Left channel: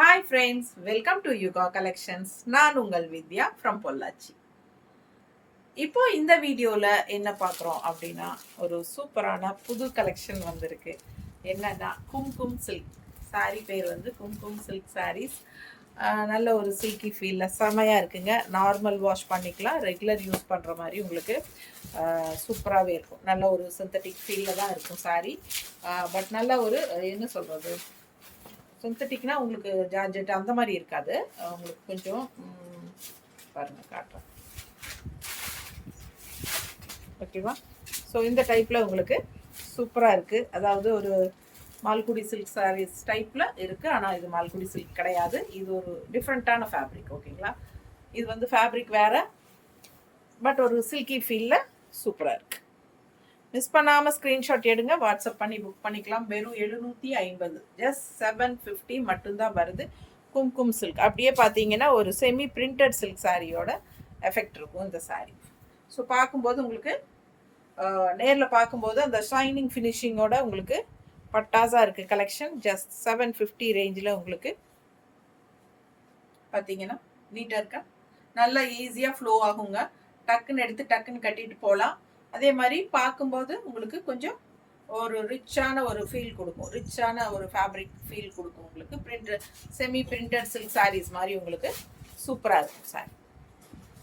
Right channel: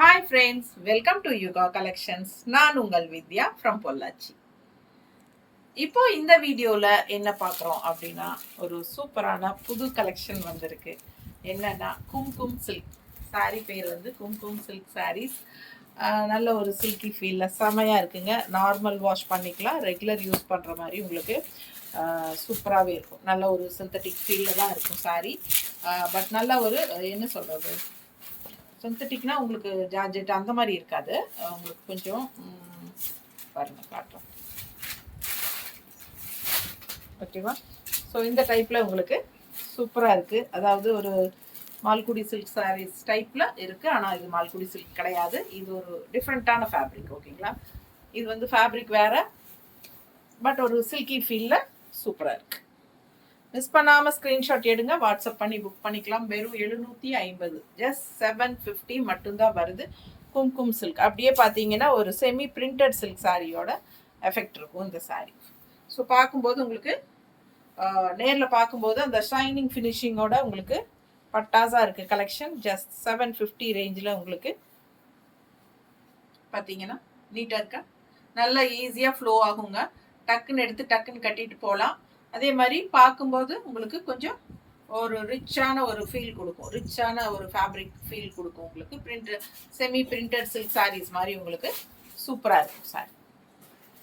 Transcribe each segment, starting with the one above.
Hi friends, welcome to Yuga collections. நான் உங்கள் வித்யா from Pollachi. இப்போ இந்த வீடியோவில் என்ன பார்க்குறோம் அப்படின்னா, ஒரு சூப்பரான புது கலெக்ஷன் வந்திருக்கு. என்னன்னா கும்கும் சில்க் சாரீ. பேர் வந்து கும்கும் சில்க் சாரீஸ். நல்ல ஒரு சில்கி ஃபீலில் செமையாக இருக்குங்க. நார்மல் வாஷ் பண்ணிக்கலாம், ரெகுலர் யூஸ் பண்ணுற மாதிரி உங்களுக்கு சூப்பராகவே இருக்கும். நல்ல ஒரு சிந்தட்டிக் ஃபீலில் தான் இருக்கும் சாரீ. பட் நல்ல ஒரு என்ன சொல்கிறது, சிந்தட்டிக்னா உங்களுக்கு ஜார்ஜெட் அந்த மாதிரி இருக்காது. உங்களுக்கு கொஞ்சம் பாருங்கள் காட்டுறோம், ஓகேவா? ஸோ இந்த டைப்பில் உங்களுக்கு சூப்பராக இருக்குது. அதாவது ஒரு மால்குடி சில்க் சாரீஸ் டைப்பில் இருக்குது. ஆனால் இது மால்குடி சில்க் கிடையாது. இது ஒரு டிஃப்ரெண்ட்டான ஃபேப்ரிக், ஓகேங்களா? இது வந்து ஃபேப்ரிக் வேறு, பட் ஒரு சில்கி ஃபீலில் சூப்பராக இருக்குது. மிஸ் பண்ணாமல் ஸ்க்ரீன்ஷாட் எடுங்க, வாட்ஸ்அப் பண்ணி புக் பண்ணிக்கலாம். வெறும் 750, ஜஸ்ட் 750 மட்டும்தான் வருது. கும்கும் சில்க் அப்படியே பார்த்தீங்கன்னா ஒரு செமி பிரிண்டட் சில்க் சாரியோட எஃபெக்ட் இருக்கும் இந்த சாரீ. ஸோ பார்க்கும்போது உங்களுக்கு நேரில் பார்க்கும்போது அந்த ஷைனிங் ஃபினிஷிங்கோட உங்களுக்கு பட்டாஸாக இருக்குது கலெக்ஷன். ஜஸ்ட் 750 ரேஞ்சில் உங்களுக்கு பார்த்தீங்கன்னா நீட்டாக இருக்கா, நல்லா ஈஸியாக ஃப்ளோ ஆகுங்க. டக்குன்னு எடுத்து டக்குன்னு கட்டிட்டு போகலாம். அதே மாதிரி பார்க்கும்போது உங்களுக்கு கொஞ்சம் ஒரு ரிச்சான ஒரு ஃபீல் கொடுக்கும், ரிச்சான ஒரு ஃபேப்ரிக் ஃபீல் கொடுக்கும் உங்களுக்கு. Printed semi printed silk saris மாதிரி உங்களுக்கு சூப்பராக இருக்கும் சாரி.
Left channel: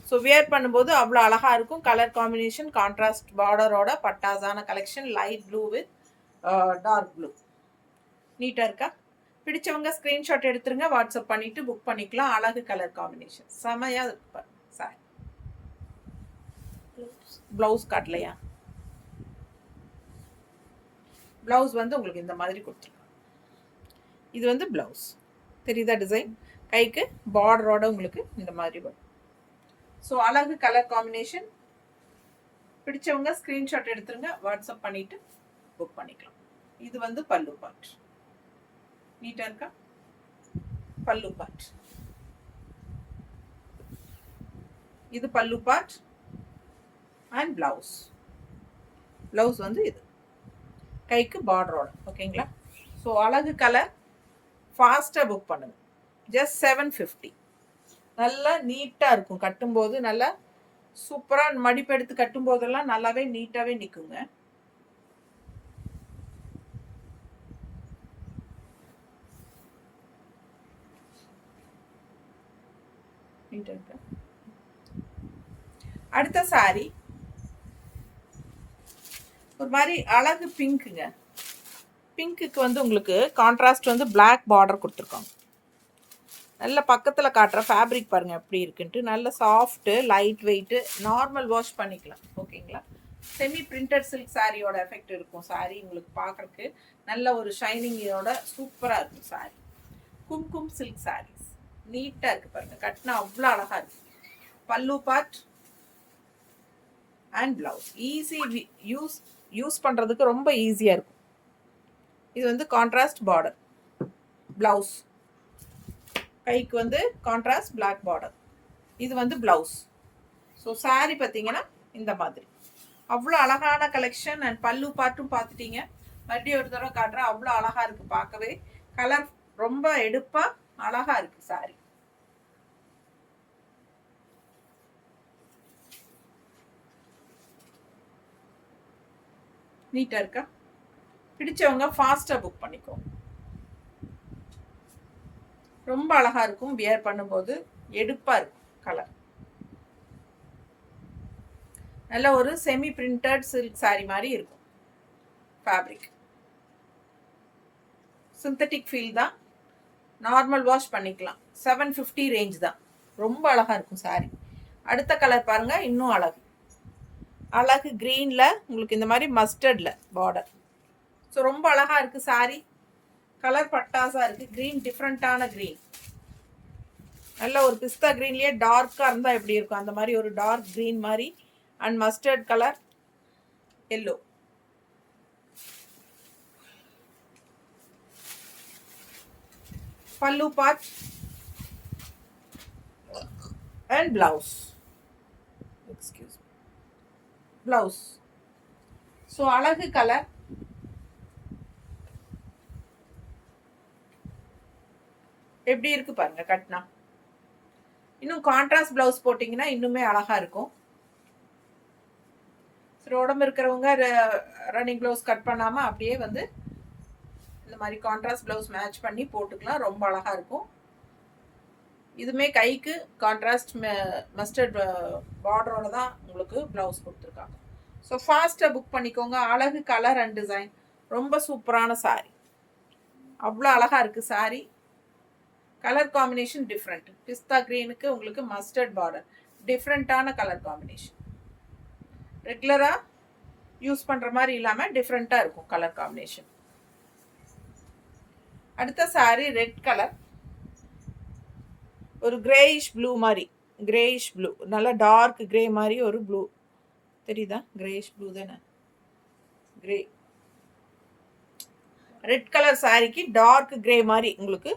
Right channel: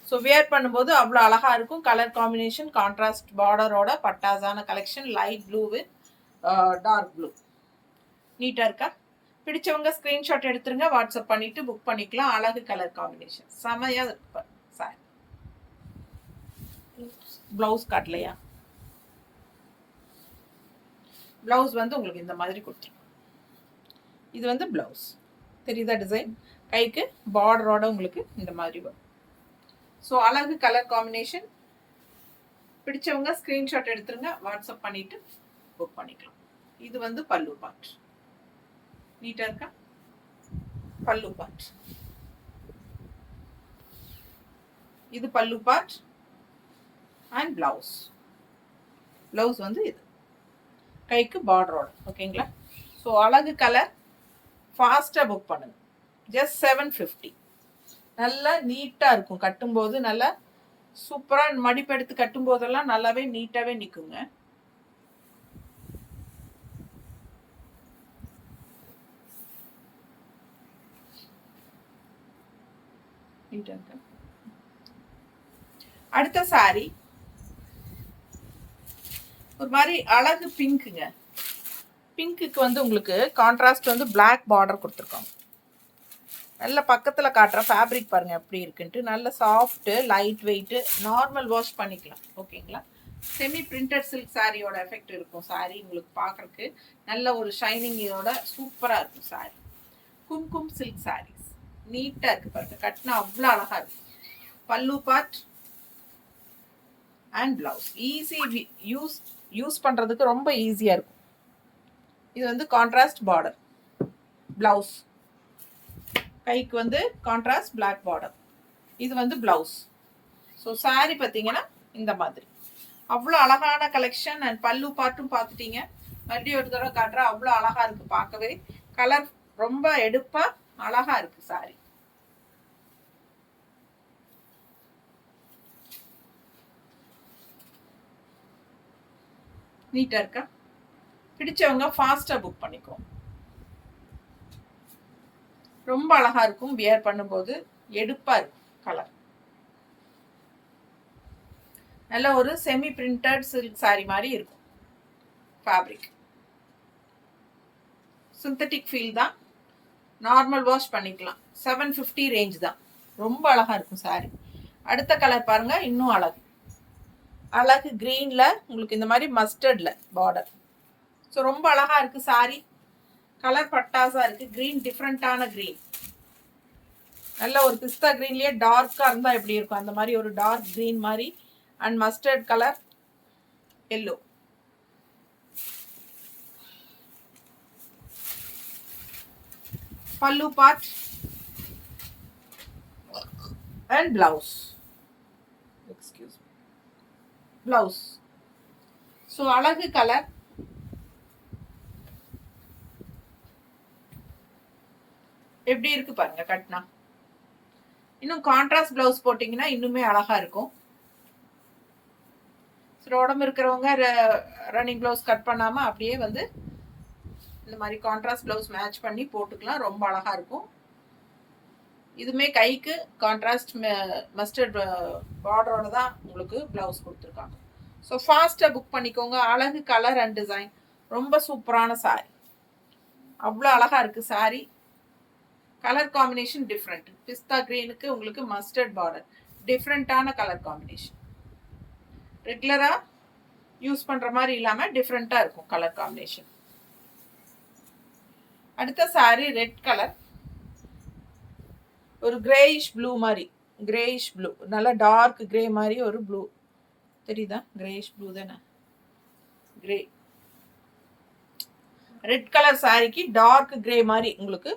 ஸோ வியர் பண்ணும்போது அவ்வளோ அழகாக இருக்கும். கலர் காம்பினேஷன் கான்ட்ராஸ்ட் பார்டரோட பட்டாஸான collection. Light blue with dark blue. நீட்டாக இருக்கா? பிடிச்சவங்க ஸ்க்ரீன்ஷாட் எடுத்துருங்க, வாட்ஸ்அப் பண்ணிவிட்டு புக் பண்ணிக்கலாம். அழகு கலர் காம்பினேஷன் செமையாக இருக்கு சாரி. ப்ளவுஸ் காட்டலையா? ப்ளவுஸ் வந்து உங்களுக்கு இந்த மாதிரி கொடுத்துருக்கோம். இது வந்து ப்ளவுஸ் தெரியுதா? டிசைன் கைக்கு பார்டரோட உங்களுக்கு இந்த மாதிரி வரும். ஸோ அழகு கலர் காம்பினேஷன். பிடிச்சவங்க ஸ்க்ரீன்ஷாட் எடுத்துருங்க, வாட்ஸ்அப் பண்ணிவிட்டு புக் பண்ணிக்கலாம். இது வந்து பல்லு பார்ட். நீட்டாக இருக்கா? பல்லு பார்ட். இது பல்லு பார்ட் அண்ட் பிளவுஸ். பிளவுஸ் வந்து இது கைக்கு பார்டரோட, ஓகேங்களா? ஸோ அழகு கலர். ஃபாஸ்ட்டாக புக் பண்ணுங்க. ஜஸ்ட் 750. நல்லா நீட்டாக இருக்கும் கட்டும்போது. நல்லா சூப்பராக மடிப்பெடுத்து கட்டும்போதெல்லாம் நல்லாவே நீட்டாகவே நிற்குங்க. நீட்டாக இருக்கு. அடுத்த சாரி ஒரு மாதிரி அழகு பிங்க்குங்க. பிங்க்குக்கு வந்து உங்களுக்கு கான்ட்ராஸ்ட் வந்து பிளாக் பார்டர் கொடுத்துருக்காங்க. நல்ல பக்கத்தில் காட்டுற ஃபேப்ரிக் பாருங்கள் எப்படி இருக்குன்ட்டு. நல்ல soft, light weight, normal wash பண்ணிக்கலாம், ஓகேங்களா? செமி பிரிண்டட் சில்க் சாரியோட எஃபெக்ட் இருக்கும் சாரி உங்களுக்கு பார்க்குறக்கு. நல்ல ஒரு ஷைனிங்கோட சூப்பராக இருக்கும் சாரி. கும்கும் சில்க் சாரீஸ் நீட்டாக இருக்குது பாருங்கள். கட்டினா அவ்வளோ அழகாக இருக்கும். பல்லு part and blouse. Easy use பண்ணுறதுக்கு ரொம்ப ஈஸியாக இருக்கும். இது வந்து கான்ட்ராஸ்ட் பார்டர். ப்ளவுஸ் கைக்கு வந்து கான்ட்ராஸ்ட் பிளாக் பார்டர். இது வந்து ப்ளவுஸ். ஸோ சாரி பார்த்தீங்கன்னா இந்த மாதிரி அவ்வளோ அழகான கலெக்ஷன். அண்ட் பல்லு பார்ட்டும் பார்த்துட்டீங்க. மறுபடியும் ஒரு தடவை காட்டுற அவ்வளோ அழகாக இருக்குது பார்க்கவே. கலர் ரொம்ப எடுப்பாக அழகாக இருக்குது சாரி. நீட்டாக இருக்கா? பிடிச்சவங்க ஃபாஸ்ட்டாக புக் பண்ணிக்கோங்க. ரொம்ப அழகாக இருக்கும். வியர் பண்ணும்போது எடுப்பாக இருக்கும் கலர். நல்ல ஒரு செமி பிரிண்டட் சில்க் சாரி மாதிரி இருக்கும் ஃபேப்ரிக். சிந்தட்டிக் ஃபீல் தான். நார்மல் வாஷ் பண்ணிக்கலாம். 750 ரேஞ்ச் தான். ரொம்ப அழகாக இருக்கும் சாரி. அடுத்த கலர் பாருங்கள், இன்னும் அழகு. அழகு க்ரீனில் உங்களுக்கு இந்த மாதிரி மஸ்டர்டில் பார்டர். ஸோ ரொம்ப அழகாக இருக்குது சாரி. கலர் பட்டாஸாக இருக்குது. க்ரீன் டிஃப்ரெண்ட்டான க்ரீன். நல்ல ஒரு பிஸ்தா க்ரீன்லேயே டார்க்காக இருந்தால் எப்படி இருக்கும் அந்த மாதிரி ஒரு டார்க் க்ரீன் மாதிரி. And mustard colour, yellow. Pallu part and blouse. Excuse me, blouse. So அழகு கலர். எப்படி இருக்கு பாருங்க கட்டினா. இன்னும் கான்ட்ராஸ்ட் பிளவுஸ் போட்டிங்கன்னா இன்னுமே அழகா இருக்கும். சரி, உடம்பு இருக்கிறவங்க ரன்னிங் பிளவுஸ் கட் பண்ணாமல் அப்படியே வந்து இந்த மாதிரி கான்ட்ராஸ்ட் பிளவுஸ் மேட்ச் பண்ணி போட்டுக்கலாம். ரொம்ப அழகா இருக்கும். இதுமே கைக்கு கான்ட்ராஸ்ட் மஸ்டர்ட் பார்டரோட தான் உங்களுக்கு பிளவுஸ் கொடுத்துருக்காங்க. ஸோ ஃபாஸ்ட்டாக புக் பண்ணிக்கோங்க. அழகு கலர் அண்ட் டிசைன், ரொம்ப சூப்பரான சாரி. அவ்வளோ அழகாக இருக்குது சாரி. Colour combination different. பிஸ்தா கிரீனுக்கு உங்களுக்கு மஸ்டர்ட் பார்டர், டிஃப்ரெண்ட்டான கலர் காம்பினேஷன். ரெகுலராக யூஸ் பண்ணுற மாதிரி இல்லாமல் டிஃப்ரெண்ட்டாக இருக்கும் கலர் காம்பினேஷன். அடுத்த சாரி ரெட் கலர், ஒரு கிரேயிஷ் ப்ளூ மாதிரி, கிரேயிஷ் ப்ளூ, நல்லா டார்க் கிரே மாதிரி ஒரு ப்ளூ தெரியுதா? கிரேயிஷ் ப்ளூ தானே, கிரே. ரெட் கலர் சாரிக்கு டார்க் கிரே மாதிரி உங்களுக்கு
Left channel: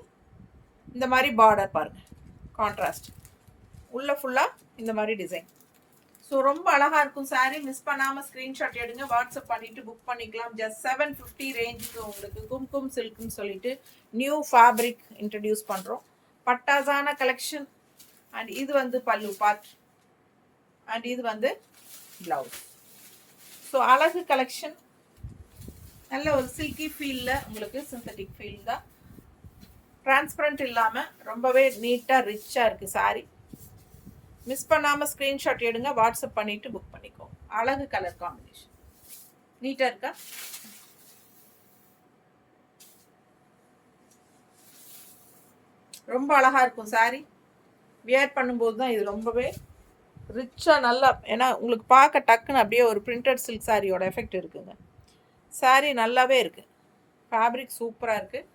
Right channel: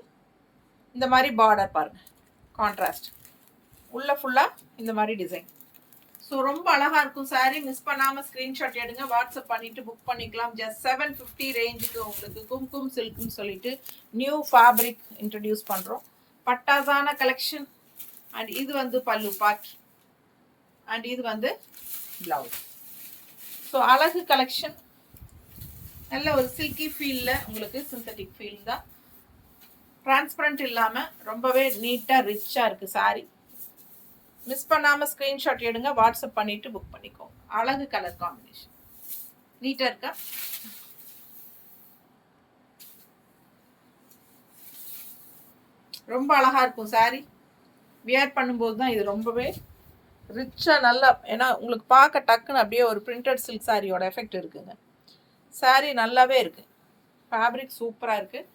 இந்த மாதிரி பார்டர் பாருங்க, கான்ட்ராஸ்ட். உள்ள ஃபுல்லா இந்த மாதிரி டிசைன். ஸோ ரொம்ப அழகா இருக்கும் சாரி. மிஸ் பண்ணாம ஸ்கிரீன்ஷாட் எடுங்க, வாட்ஸ்அப் பண்ணிட்டு புக் பண்ணிக்கலாம். ஜஸ்ட் 750 ரேஞ்சுக்கு உங்களுக்கு கும்கும் சில்க்னு சொல்லிட்டு நியூ ஃபேப்ரிக் இன்ட்ரடியூஸ் பண்றோம். பட்டாசான கலெக்ஷன். அண்ட் இது வந்து பல்லு பார்ட், அண்ட் இது வந்து பிளவுஸ். ஸோ அழகு கலெக்ஷன். நல்ல ஒரு சில்கி ஃபீலில் உங்களுக்கு, சிந்தட்டிக் ஃபீல் தான், டிரான்ஸ்பரண்ட் இல்லாமல் ரொம்பவே நீட்டாக ரிச்சாக இருக்குது சாரி. மிஸ் பண்ணாமல் ஸ்க்ரீன்ஷாட் எடுங்க, வாட்ஸ்அப் பண்ணிவிட்டு புக் பண்ணிக்கோங்க. அழகு கலர் காம்பினேஷன், நீட்டாக இருக்கா? ரொம்ப அழகாக இருக்கும் சாரி. வியர் பண்ணும்போது தான் இது ரொம்பவே ரிச்சாக நல்லா, ஏன்னா உங்களுக்கு பார்க்க டக்குன்னு அப்படியே ஒரு பிரிண்டட் சில்க் சாரியோட எஃபெக்ட் இருக்குங்க. சாரி நல்லாவே இருக்குது, ஃபேப்ரிக் சூப்பராக இருக்குது.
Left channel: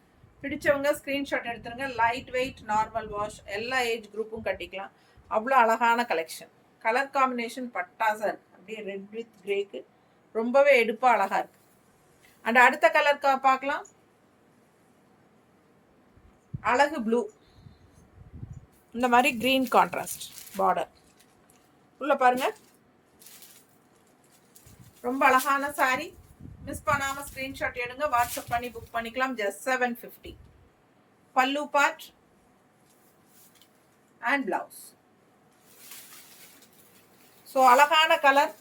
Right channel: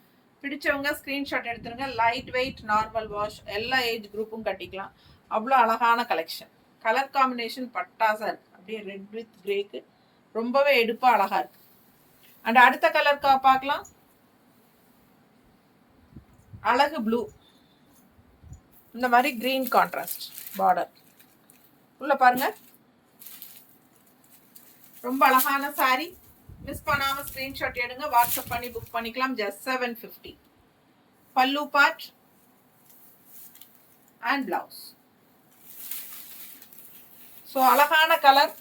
பிடிச்சவங்க ஸ்க்ரீன்ஷாட் எடுத்துருங்க. லைட் வெயிட், நார்மல் வாஷ், எல்லா ஏஜ் குரூப்பும் கட்டிக்கலாம். அவ்வளோ அழகான கலெக்ஷன். கலர் காம்பினேஷன் பட்டாசாக இருக்குது. அப்படியே ரெட் வித் கிரேக்கு ரொம்பவே எடுப்பாக அழகாக இருக்குது. அண்ட் அடுத்த கலர் பார்க்கலாம். அழகு ப்ளூ, இந்த மாதிரி கிரீன் கான்ட்ராஸ்ட் பார்டர் உள்ள பாருங்க. ரொம்ப அழகான சாரி. மிஸ் பண்ணாம ஸ்கிரீன்ஷாட் எடுங்க, வாட்ஸ்அப் பண்ணி புக் பண்ணிக்கலாம். ஜஸ்ட் 750. பல்லு பார்ட் அண்ட் பிளவுஸ். ஸோ அழகான கலர்.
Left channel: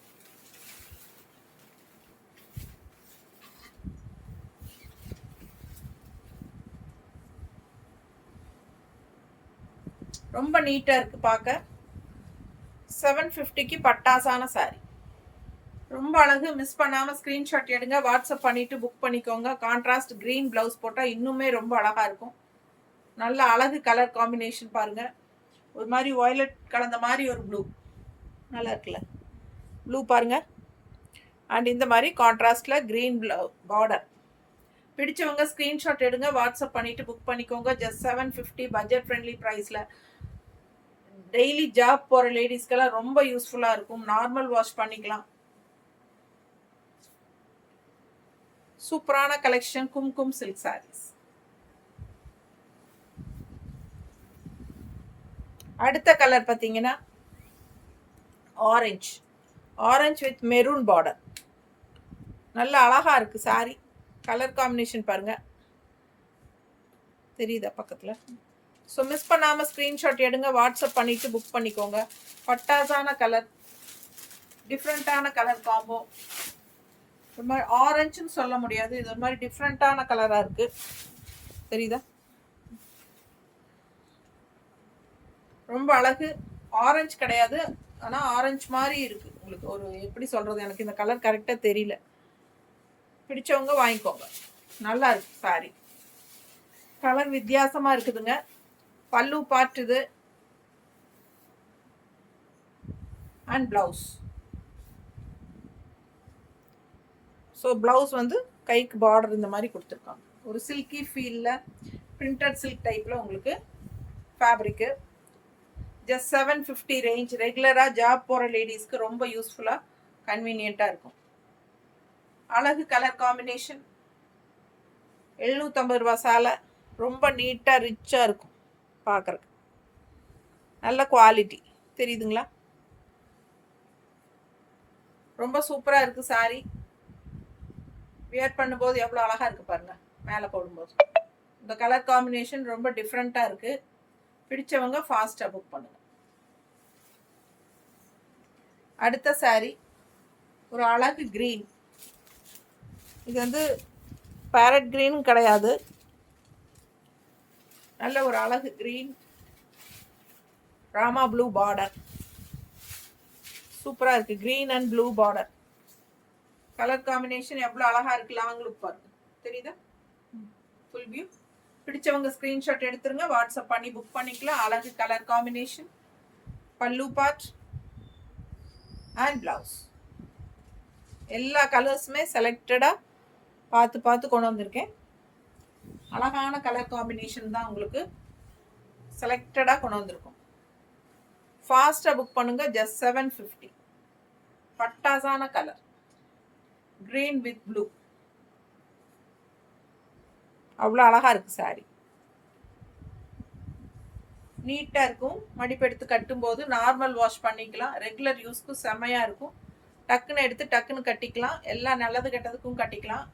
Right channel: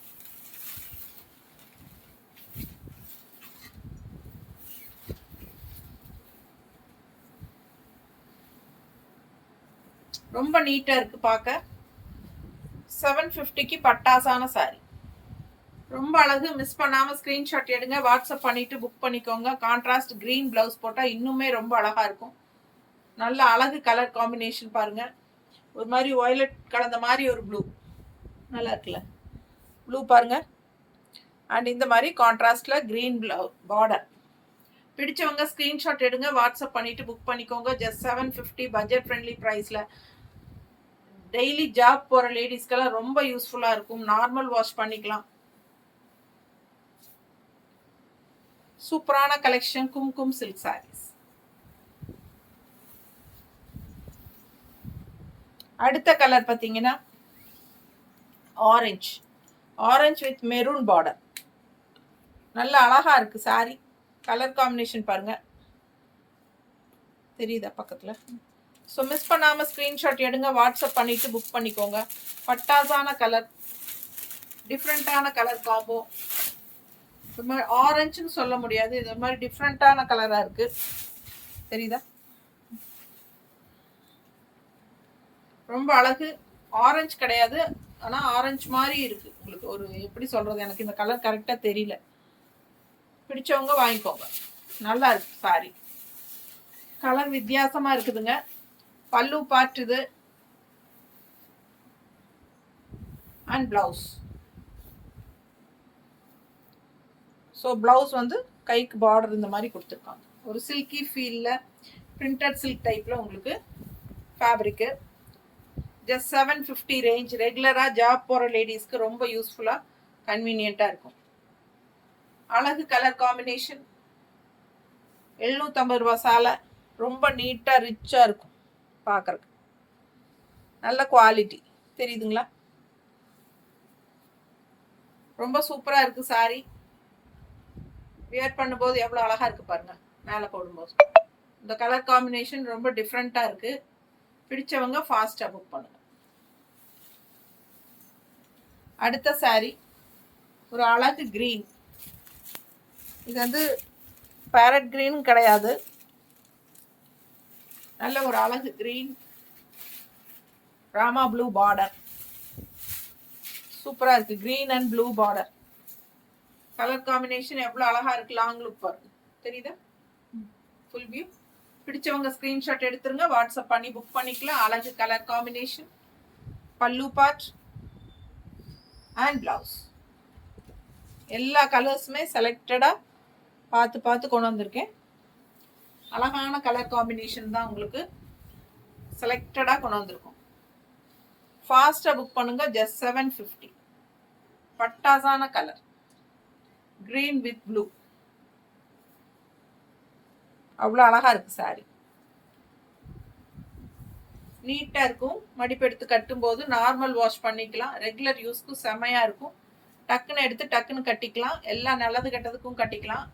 ரொம்ப நீட்டா இருக்கு பார்க்க. 750க்கு பட்டாசான சாரி, ரொம்ப அழகு. மிஸ் பண்ணாம ஸ்கிரீன்ஷாட் எடுங்க, வாட்ஸ்அப் பண்ணிட்டு புக் பண்ணிக்கோங்க. கான்ட்ராஸ்ட் கிரீன் பிளவுஸ் போட்டா இன்னுமே ரொம்ப அழகா இருக்கும். நல்ல அழகு கலர் காம்பினேஷன் பாருங்க. ஒரு மாதிரி வயலட் கலந்த மாதிரி ஒரு ப்ளூ, நல்லா இருக்குல்ல ப்ளூ பாருங்க. அண்ட் இந்த மாதிரி கான்ட்ராஸ்ட்ல கிரீன் பார்டர். பிடிச்சவங்க ஸ்கிரீன்ஷாட் எடுங்க, வாட்ஸ்அப் பண்ணிட்டு புக் பண்ணிக்கோங்க. ஜஸ்ட் 750, பட்ஜெட் ஃப்ரெண்ட்லி ப்ரைஸ்ல. டெய்லி ஜாப் போற லேடிஸ்க்கெல்லாம் ரொம்ப யூஸ்ஃபுல்லா இருக்கும். நார்மல் வாஷ் பண்ணிக்கலாம். சூப்பரான கலெக்ஷன், கும்கும் சில்க் சாரீஸ். அடுத்த கலர் பார்த்தீங்கன்னா orange, orange with maroon border. நல்ல அழகா இருக்கு சாரி. கலர் காம்பினேஷன் பாருங்க, தெரியுதா பக்கத்துல? ஸோ மிஸ் பண்ணாம ஸ்கிரீன்ஷாட் எடுங்க, வாட்ஸ்அப் பண்ணிட்டு புக் பண்ணிக்கோங்க. பட்டாசான கலர், டிஃப்ரெண்டான கலர் காம்போ. இது மாதிரி ஆரஞ்சுன்னு சொல்ல முடியாது, இது ஒரு மாதிரி டிஃப்ரெண்டான கலரா இருக்கு, தெரியுதா? ரொம்ப அழகு. ஆரஞ்சு கிடையாது, ஆனா ஆரஞ்சு மாதிரி இருக்கு உங்களுக்கு. ஒரு எப்படி சொல்றது, எனக்கு இந்த கலர் கரெக்டா தெரியல. பிடிச்சவங்க வாங்கிக்கோங்க, நல்லா இருக்கு சாரி. கலர் வித்தியாசமா இருக்குதுங்க. பல்லு பார்ட் இது அண்ட் பிளவுஸ். ஸோ பிளவுஸ் வந்து கைக்கு பார்டர் இந்த மாதிரி கொடுத்துருக்காங்க. ஒரு சில்கி ஃபீல்ல, பிரிண்டட் சில்க் டைப்ல உங்களுக்கு ஃபேப்ரிக்கு. Just 750 range. ரெகுலராக ஜாப் போகிற லேடிஸ்க்கு ரொம்ப யூஸ்ஃபுல்லாக கன்வீனியண்ட்டாக இருக்கும். அழகு கலர் காம்பினேஷன். 750 ரூபா சாலை. ரொம்ப நீட்டாக ரிச்சாக இருக்கும் பார்க்குறக்கு. நல்ல குவாலிட்டி, தெரியுதுங்களா? ரொம்ப சூப்பராக இருக்குது சாரி. வியர் பண்ணும்போது எவ்வளோ அழகாக இருக்குது பாருங்கள். மேலே போடும்போது இந்த கலர் காம்பினேஷன் ரொம்ப டிஃப்ரெண்ட்டாக இருக்குது. பிடிச்சவங்க ஃபாஸ்ட்டாக புக் பண்ணுங்க. அடுத்த சாரீ ஒரு அழகு க்ரீன். இது வந்து பேரட் க்ரீனும் கிடையாது, நல்ல ஒரு அழகு க்ரீன், ராமா ப்ளூ பார்டர். சூப்பராக இருக்குது. Green and blue border colour combination எவ்வளோ அழகாக இருக்குது. லாங் லுக் பாருங்க, தெரியுதா? Full view. பிடிச்சவங்க ஸ்க்ரீன்ஷாட் எடுத்துருங்க, வாட்ஸ்அப் பண்ணி புக் பண்ணிக்கலாம். அழகு கலர் காம்பினேஷன். பல்லு பார்ட் அண்ட் ப்ளவுஸ் எல்லா கலர்ஸுமே செலக்டடாக பார்த்து கொண்டு வந்திருக்கேன். அழகான கலர் காம்பினேஷன் தான் உங்களுக்கு செலக்டடாக கொண்டு வந்திருக்கோம். ஃபாஸ்ட்டாக புக் பண்ணுங்க. ஜஸ்ட் 750. பட்டாசான கலர் கிரீன் வித் ப்ளூ. அவ்வளோ அழகாக இருக்குது சாரி. நீட்டாக இருக்கும். மடிப்பெடுத்து கட்டும்போது நார்மல் வாஷ் பண்ணிக்கலாம். ரெகுலர் யூஸ்க்கு செம்மையாக இருக்கும். டக்குன்னு எடுத்து டக்குன்னு கட்டிக்கலாம். எல்லா நல்லது கெட்டதுக்கும் கட்டிக்கலாம்.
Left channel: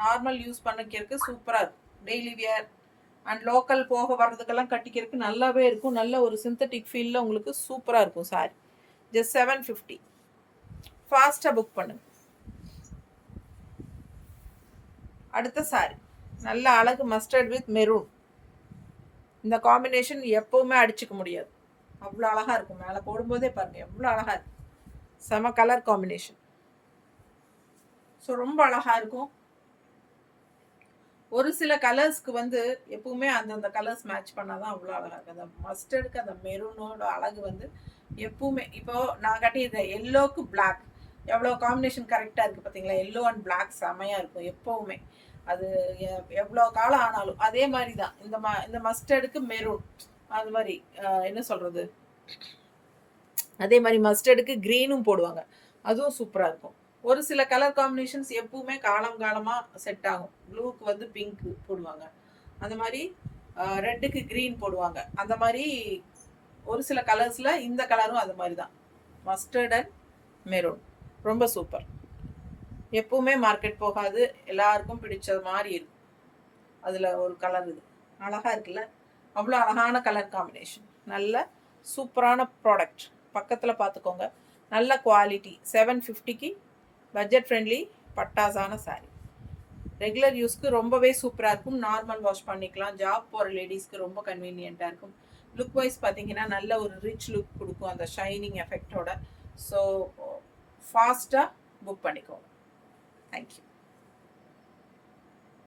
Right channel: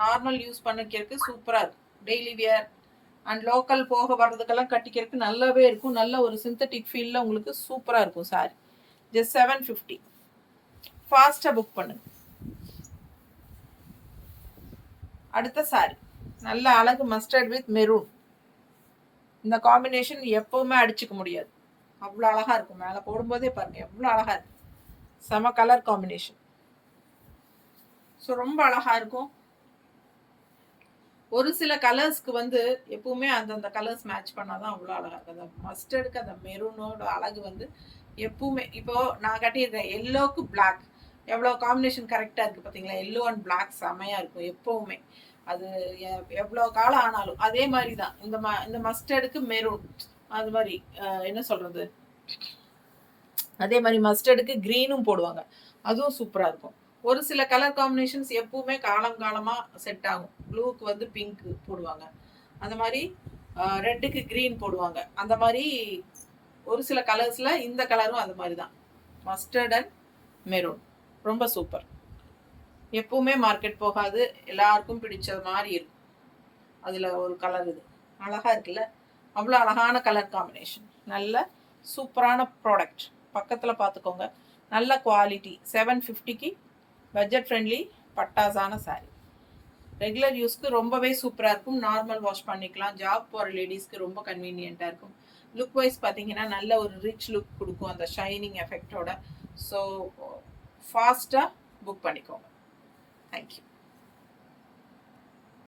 நார்மல் யூஸ் பண்ணிக்கிறதுக்கு சூப்பராக இருக்கும். டெய்லி வியர் அண்ட் லோக்கல் போக வர்றதுக்கெல்லாம் கட்டிக்கிறதுக்கு நல்லாவே இருக்கும். நல்ல ஒரு சிந்தட்டிக் ஃபீலில் உங்களுக்கு சூப்பராக இருக்கும் சாரி. ஜஸ்ட் 750. ஃபாஸ்ட்டாக புக் பண்ணுங்க. அடுத்த சாரி நல்ல அழகு மஸ்டர்ட் வித் மெரூன். இந்த காம்பினேஷன் எப்பவுமே அடிச்சுக்க முடியாது. அவ்வளோ அழகாக இருக்கும். மேலே போடும்போதே பாருங்கள் எவ்வளோ அழகாக இருக்கு. செம கலர் காம்பினேஷன். ஸோ ரொம்ப அழகாக இருக்கும். ஒரு சில கலர்ஸ்க்கு வந்து எப்பவுமே அந்தந்த கலர்ஸ் மேட்ச் பண்ணாதான் அவ்வளோ அழகாக இருக்குது. அந்த மஸ்டர்டுக்கு அந்த மெரூனோட அழகு வந்து எப்பவுமே. இப்போ நான் கட்டியிருக்கேன் எல்லோக்கு பிளாக், எவ்வளோ காம்பினேஷன் கரெக்டாக இருக்குது பார்த்தீங்களா? எல்லோ அண்ட் பிளாக் செமையாக இருக்கும் எப்பவுமே. அது எவ்வளோ காலம் ஆனாலும் அதே மாதிரி தான். இந்த மஸ்டர்டுக்கு மெரூன், அது மாதிரி என்ன சொல்கிறது, அதே மாதிரி மஸ்டர்டுக்கு க்ரீனும் போடுவாங்க, அதுவும் சூப்பராக இருக்கும். ஒரு சில கலர் காம்பினேஷன்ஸ் எப்பவுமே காலமாக செட் ஆகும். ப்ளூக்கு வந்து பிங்க் போடுவாங்க, அந்த மாதிரி ரெட்டுக்கு க்ரீன் போடுவாங்க. அந்த மாதிரி ஒரு சில கலர்ஸில் இந்த கலரும் அந்த மாதிரி தான். மஸ்டர்ட் அண்ட் மெரூன் ரொம்ப சூப்பர். எப்பவுமே மார்க்கெட் போகாது, எல்லாருக்கும் பிடிச்சது மாதிரி இருக்கும். அதில் ஒரு கலர் இது அழகாக இருக்குல்ல? அவ்வளோ அழகான கலர் காம்பினேஷன். நல்ல சூப்பரான ப்ராடக்ட். பக்கத்தில் பார்த்துக்கோங்க. நல்ல குவாலிட்டி. 750க்கு பட்ஜெட் ஃப்ரெண்ட்லி பட்டாசான சாரி. ரெகுலர் யூஸ்க்கு ரொம்பவே சூப்பராக இருக்கும். நார்மல் வாஷ் பண்ணிக்கலாம். ஜாப் போகிற லேடிஸ்க்கு ரொம்ப கன்வீனியண்ட்டாக இருக்கும். லுக் வைஸ் பார்த்தீங்கன்னா நல்ல ஒரு ரிச் லுக் கொடுக்கும் அந்த ஷைனிங் எஃபெக்டோட. ஸோ ஃபாஸ்ட்டாக புக் பண்ணிக்கோங்க. தேங்க்யூ.